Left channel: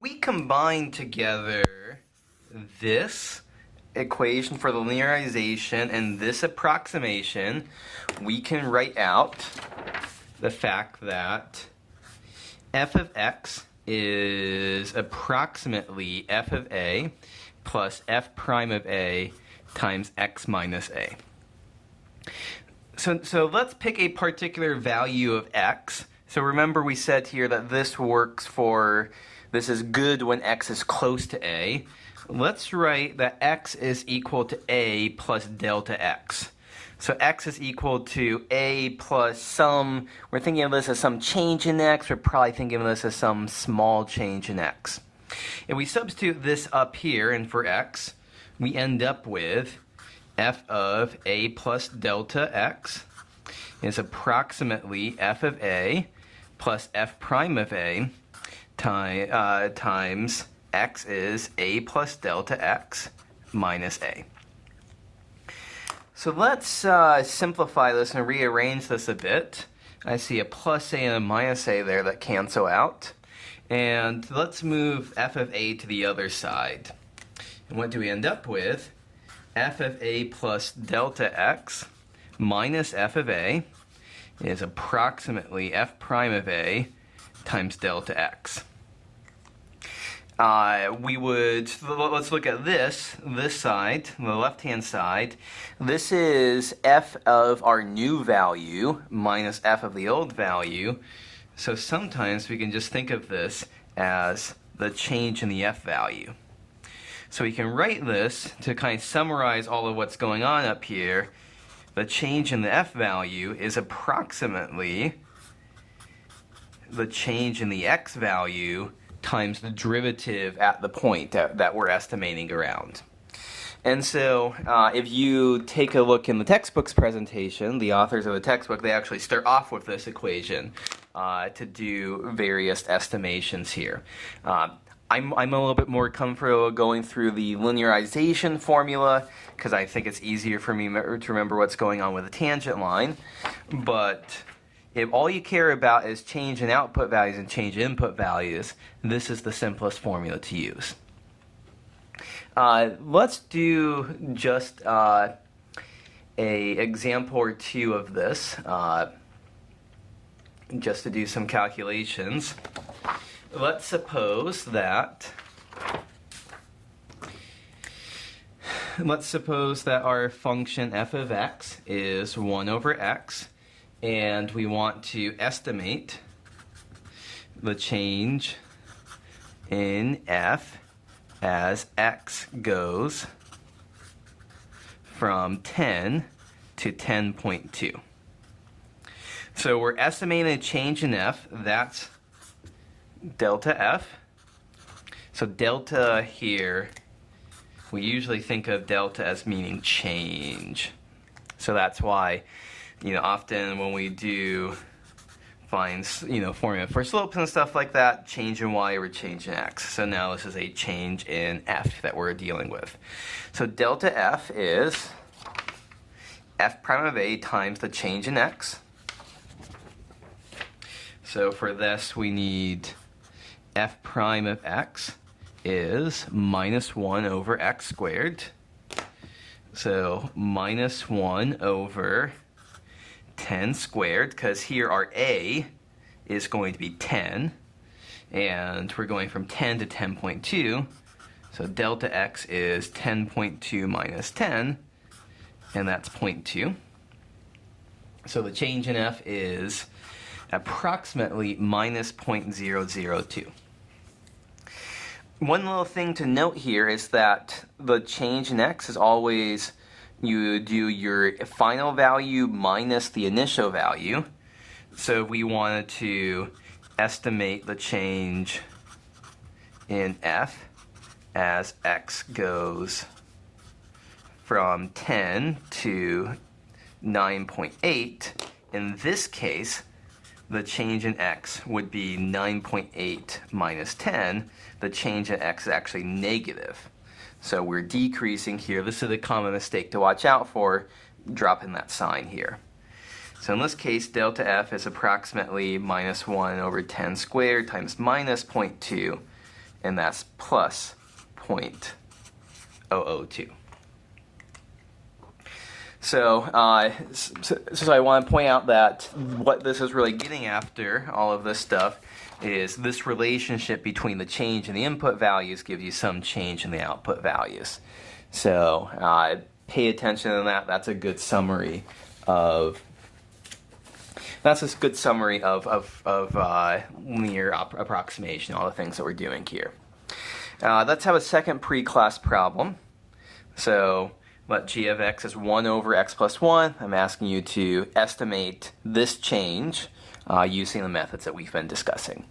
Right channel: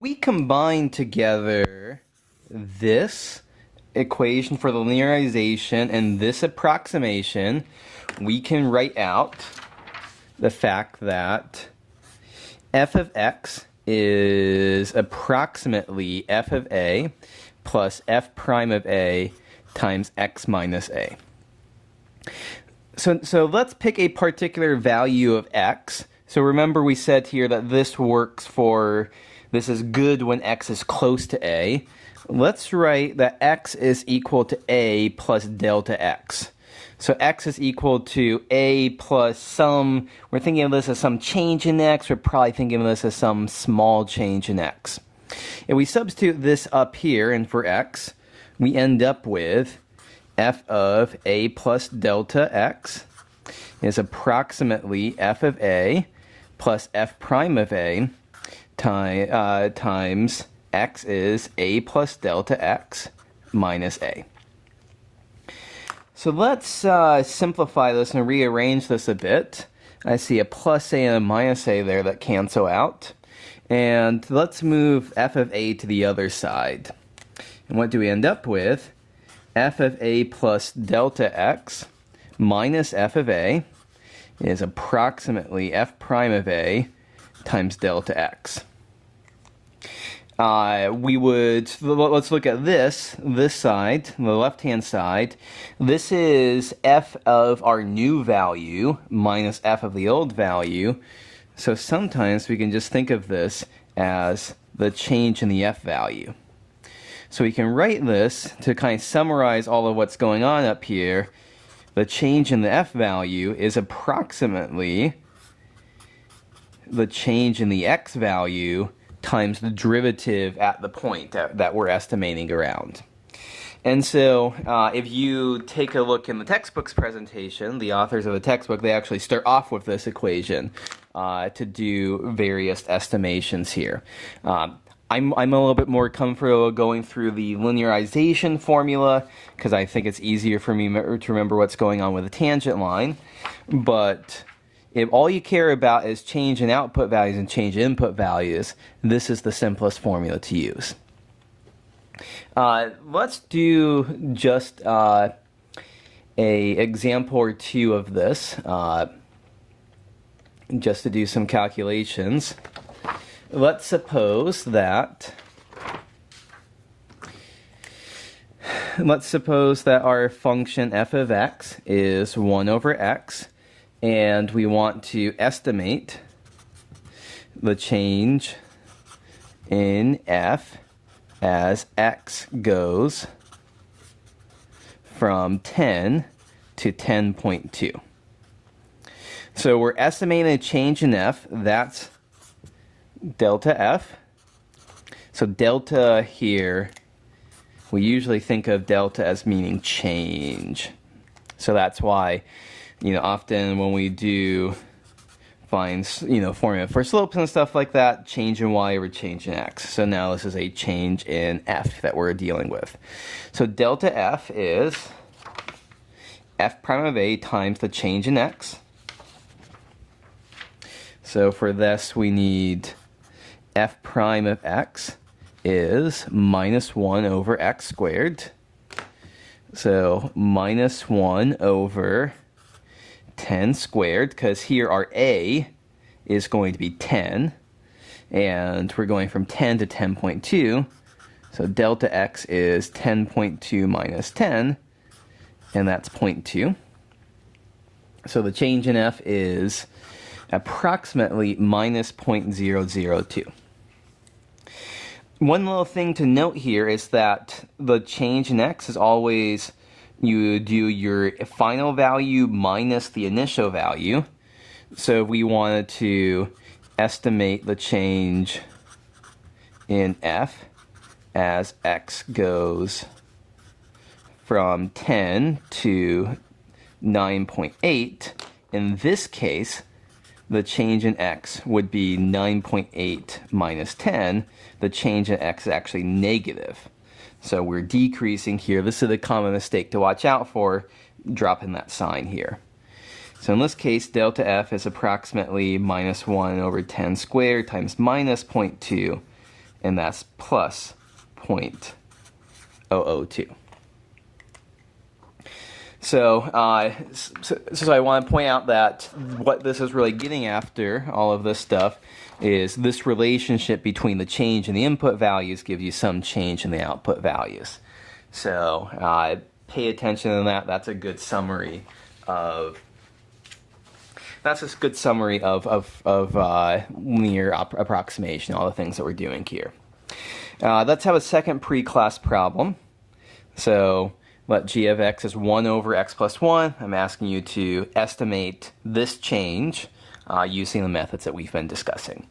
We combine together this equation for the linearization and this approximation. We can write out the fact that f of x is approximately f of a plus f prime of a times x minus a. So let's pick a particular value of x. So remember we said here that this is good when x is close to a. Let's write that x is equal to a plus delta x. So x is equal to a plus some, we're thinking of this as some change in x, we're probably thinking of this as some small change in x. And we substitute this up here, and for x, we end up with f of a plus delta x is approximately f of a plus f prime of a times x is a plus delta x minus a. So let's simplify this and rearrange this a bit. I see a plus a and a minus a there that cancel out. And let's move f of a to the other side. And what do we end up with? F of a plus delta x minus f of a is approximately f prime of a times delta x. Let's look at this side, the left-hand side. This is f of our new value minus f of the old value. So sometimes we can just think of this as the change in the f value. So we can write this to kind of summarize all of what's going on up here. The change in the f value is approximately the change in the x value times the derivative at the point that we're estimating around. And so if you take a look in the textbook's presentation, the authors of the textbook, they actually start off with this equation to do various estimations here. I'm a little bit more comfortable going through the linearization formula because I think it's easier for me to remember what's going on with a tangent line. But if all you care about is change in output values and change in input values, this is the simplest formula to use. Let's do just an example or two of this, just to do some calculations. Let's suppose that our function f of x is 1 over x, and we want to estimate the change in f as x goes from 10 to 10.2. So we're estimating a change in f, that's delta f. So delta here, we usually think of delta as meaning change. So that's why, often when we do find, formula for slopes and stuff like that, change in y over change in x. So now this is a change in f that we're dealing with. So delta f is f prime of a times the change in x. So for this we need f prime of x is minus 1 over x squared. So minus 1 over 10 squared, because here our a is going to be 10, and we're going from 10 to 10.2, so delta x is 10.2 minus 10, and that's 0.2. So the change in f is approximately minus 0.002. One little thing to note here is that the change in x is always, you do your final value minus the initial value. So if we wanted to estimate the change in f as x goes from 10 to 9.8, in this case, the change in x would be 9.8 minus 10. The change in x is actually negative. So we're decreasing here. This is a common mistake to watch out for, dropping that sign here. So in this case, delta f is approximately minus 1 over 10 squared times minus 0.2 and that's plus 0.002. So I want to point out that what this is really getting after, all of this stuff, is this relationship between the change in the input values gives you some change in the output values. So pay attention to that. That's a good summary of linear approximation, all the things that we're doing here. Let's have a second pre-class problem. So let g of x is 1 over x plus 1. I'm asking you to estimate this change using the methods that we've been discussing.